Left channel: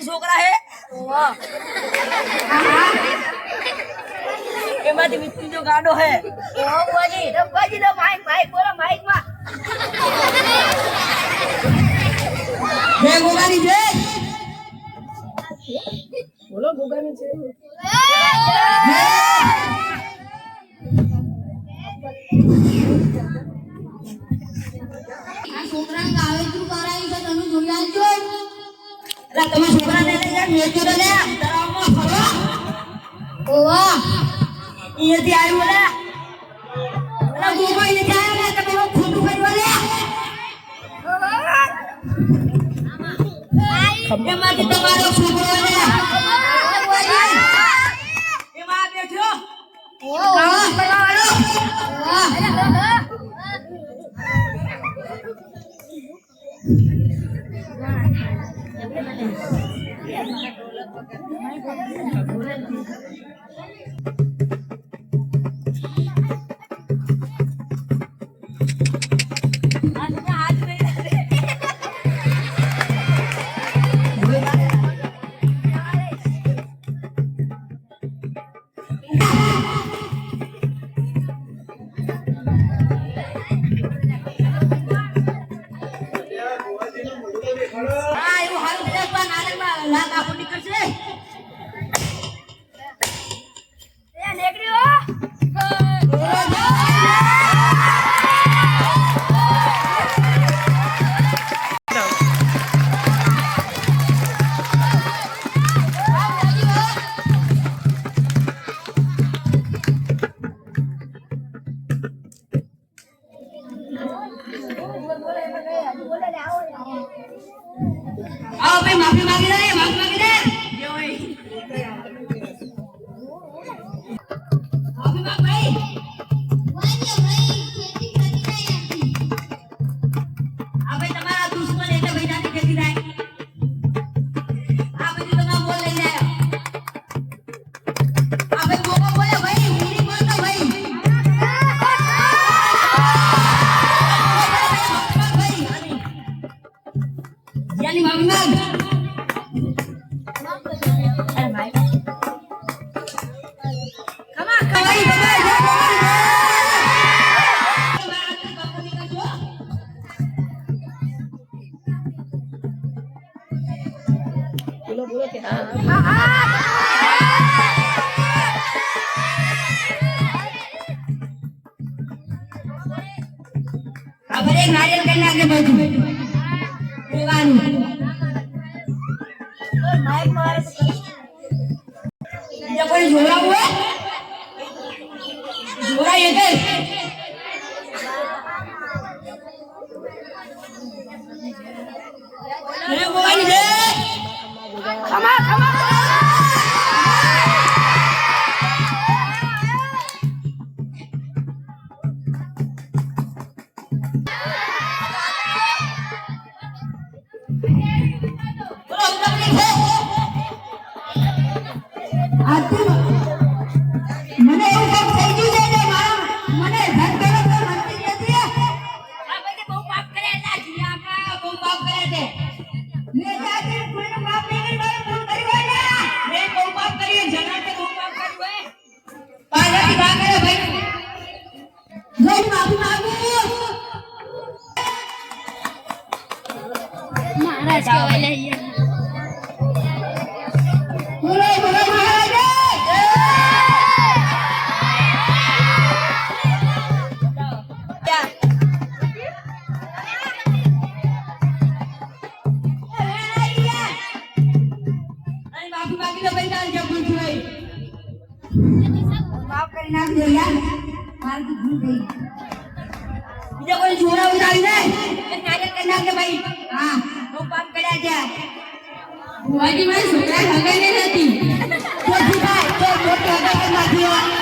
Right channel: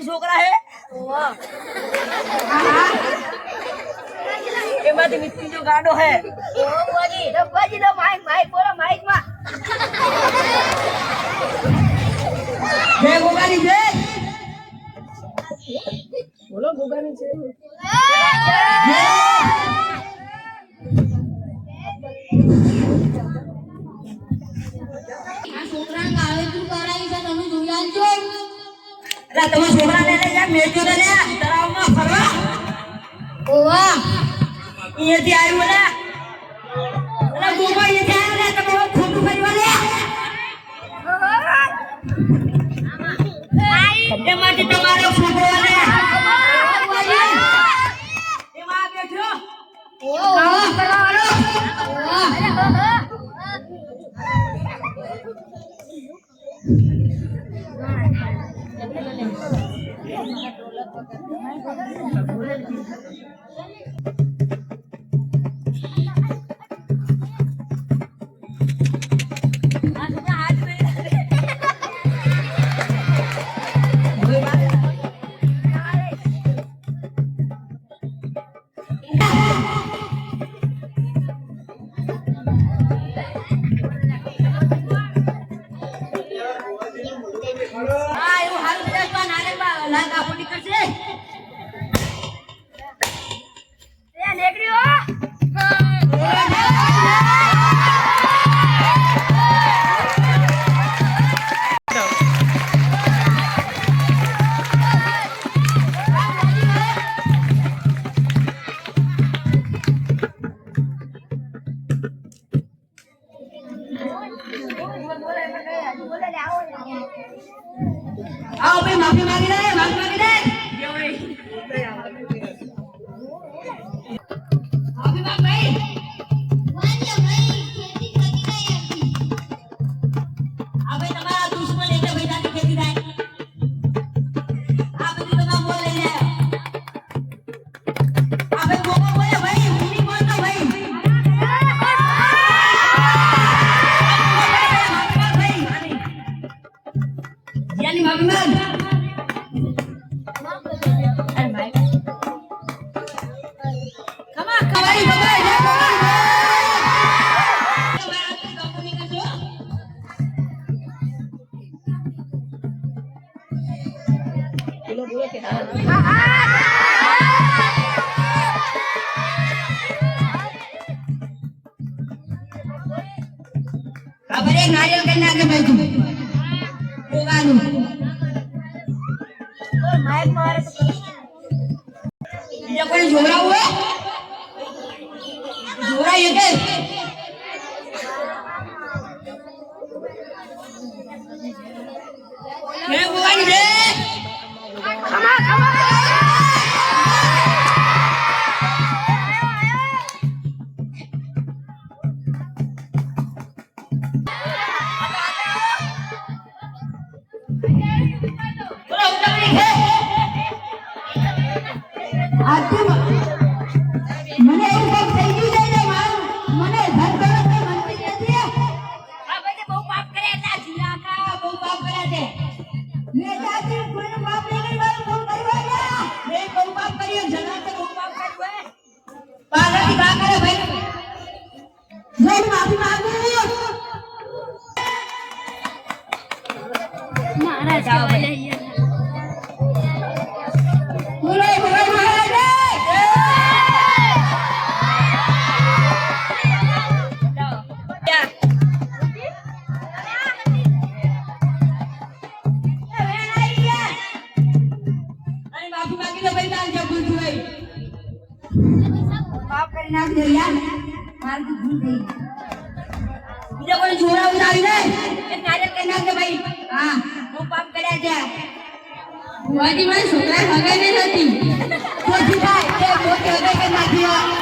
છોકરા હે એમાંથી મિત્રી જો ગાડો હે બાજી નો માઈક માઈક બોલો માઈક માં જય ગોગાની જય બોલો ગોગાની જય છોકરા ગાવે તું કરાઈ છે તને જોઈ આવજો અલા તમે છોકરા ને યાર મેચો તો લે તળાવમાં ફરવા ઓવા અહીંયાથી આવ્યું ને અલા ગોગા અહીંયાથી આવ્યો ને તમે ખોટું કર્યું લે એમાંથી તમારો છોકરો ને એમાં બેઠો કામ કરવા વાળો आओ भाई माफी मांगी दे माफी मांग भाई भाई खेती करती नहीं आती अबे तुम्हारा दुश्मन है भाई जाती खेती नहीं आप जो तुम बोल रहे हैं अबे गोगा बोले भाई मेरी बोलना भाई यानी माफी मांग बोलो कि हाँ अब एक नारियल करने आगे बैठो ये कोई झोला हुआ झोला ये के मैं बोला नहीं दे खमा માફી માંગે ભાઈ જઈને માફી માંગુ મારા જાવ લે બોલો બોલો મહારાજ માફી માંગી તો ભાઈ તાર જબુલ ભાઈ માફ કરી નાખજો યાર મારી ભૂલ થઈ બીજા કોઈ છોરા ઉતારી ને એક નાટક કરી નાખજે ભાઈ હા હું કામ કર્યા છે ભુવાજી મારી છોકરા ખબર નહીં હતી તો ઠીક છે તે મોટી હગે કે નાખી